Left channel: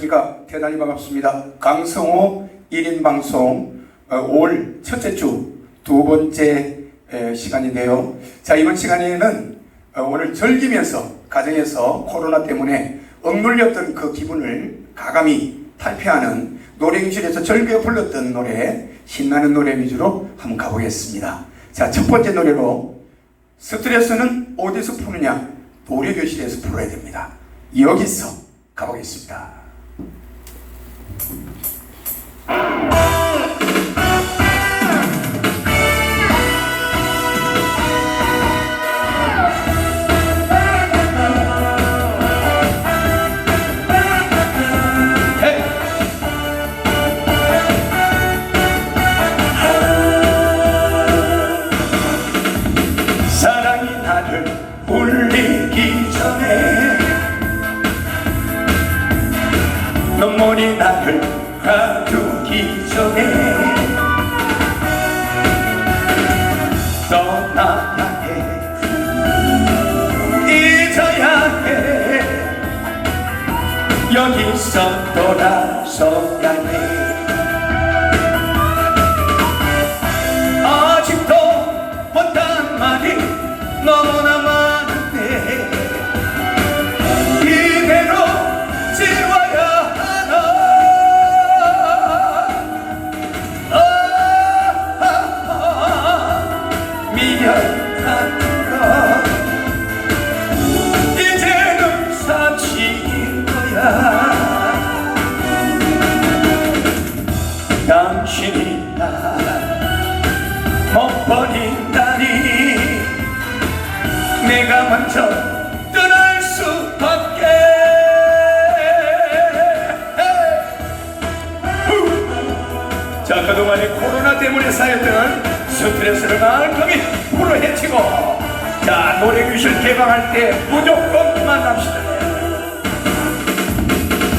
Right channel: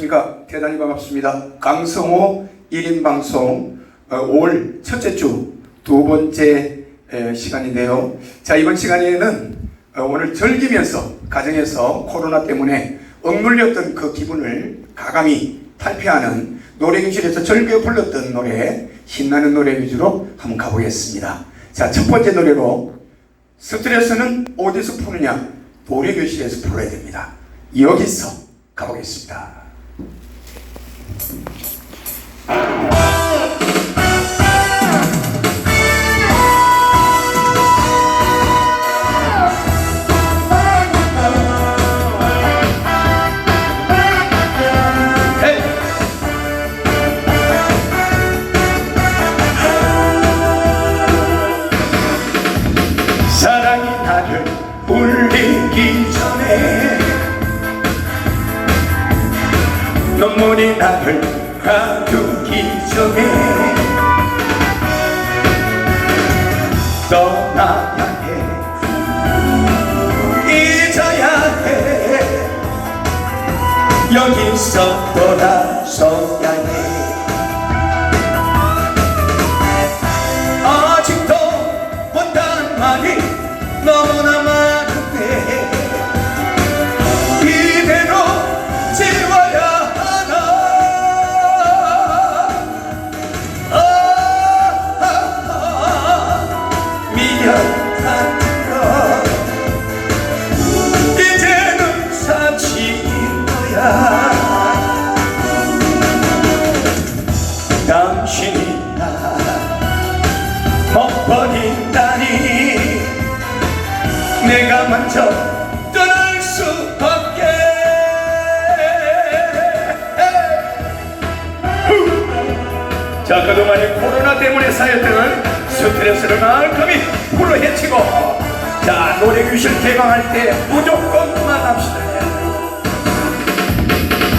그러니까 대단히 반갑습니다. 강성호 1인 방송 어, 5월 첫째 주 두 번째 에, 시간인데요. 자 이번 시간에는 어, 오늘 즐기면서 가정에서 코로나 때문에 억눌렸던 그 기분을 가감히 탈피하는 노래교실에서 즐겨 불렀던 노래 신나는 노래 위주로 한번 가보겠습니다. 자 첫 번째 노래로 스트레스는 어디서 푸느냐 노래교실에서 풀어야 됩니다. 여기서 가보겠습니다. Thank you. 눈물이 나를 가두기 전에 떠나야 해. 잊어야 해. 여기서 돌아서야 해 내가 먼저 떠날 수밖에 후! 자 그동안 이 코로나 때문에 쌓였던 스트레스를 말끔히 풀어헤치고 자 노래 교실 개방할 때 무조건 만납시다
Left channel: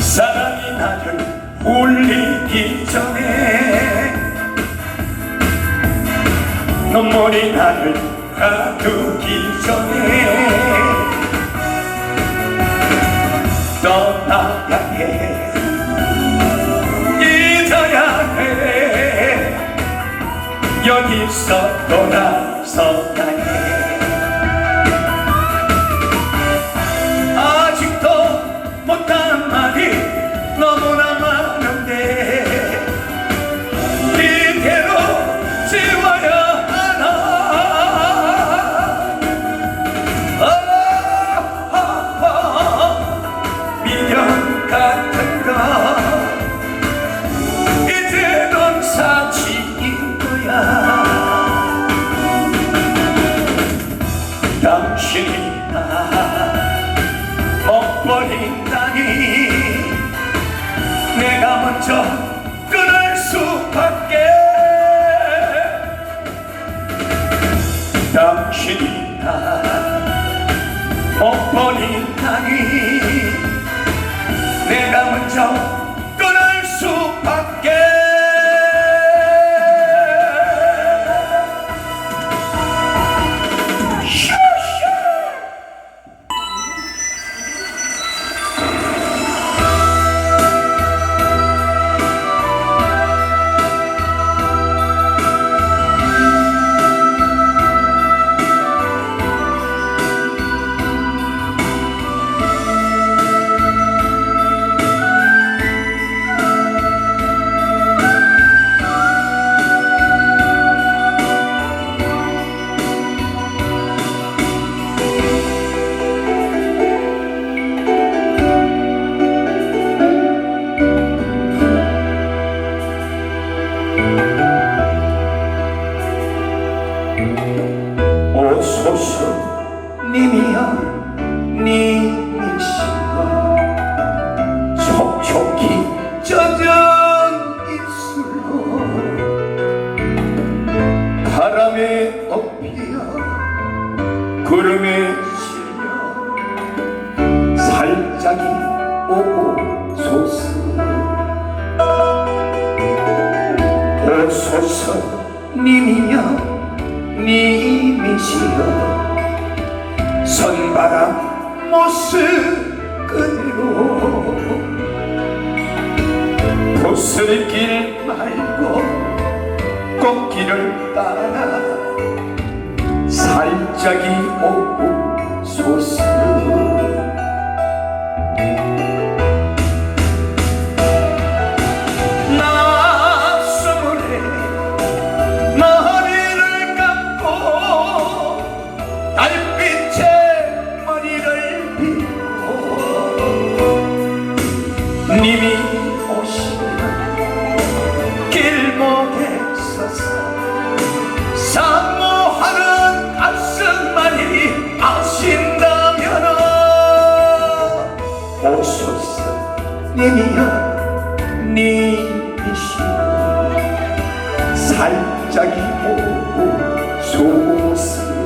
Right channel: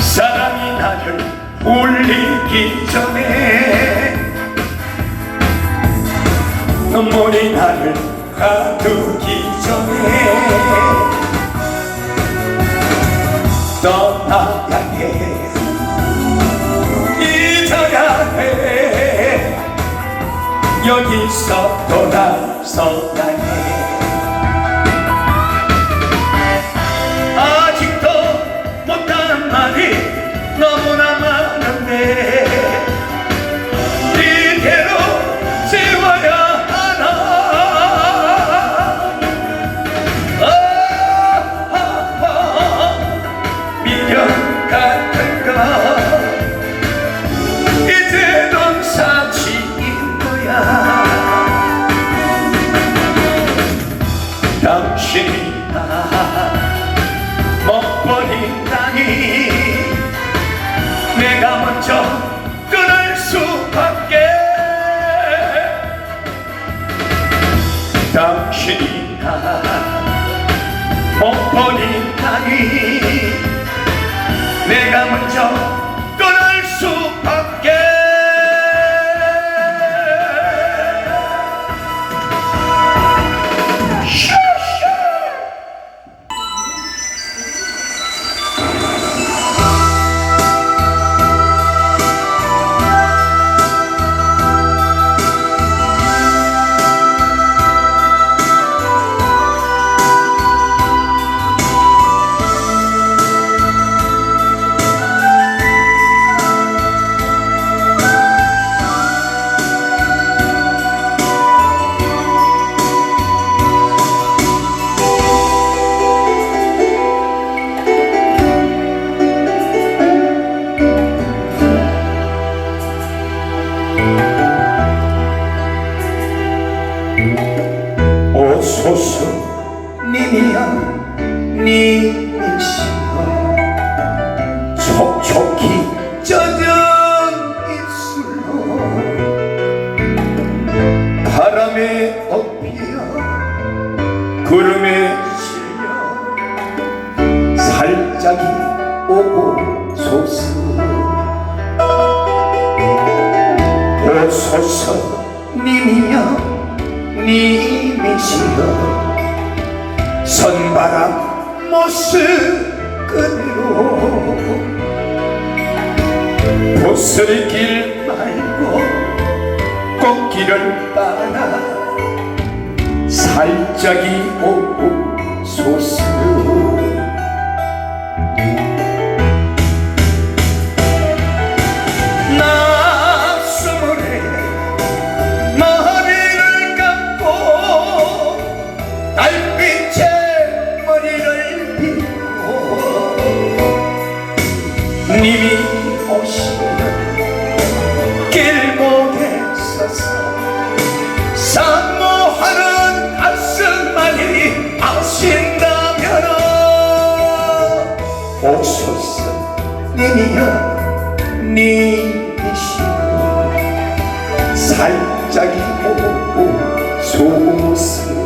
사랑이 나를 울리기 전에 눈물이 나를 가두기 전에 떠나야 해. 잊어야 해 여기서 돌아서야 해 촉촉히 젖은 입술로 바람에 엎이어 구름에 실려 살짝이 오소서 오소서 님이여 님이시여. 선바람 모습 그대로 보슬길 말고 꽃길을 따라 살짝이 오 님이 오시면 길목에 서서 사모하는 가슴만이 아신다면 오소서 님이여 님이시여 살짝이 오소서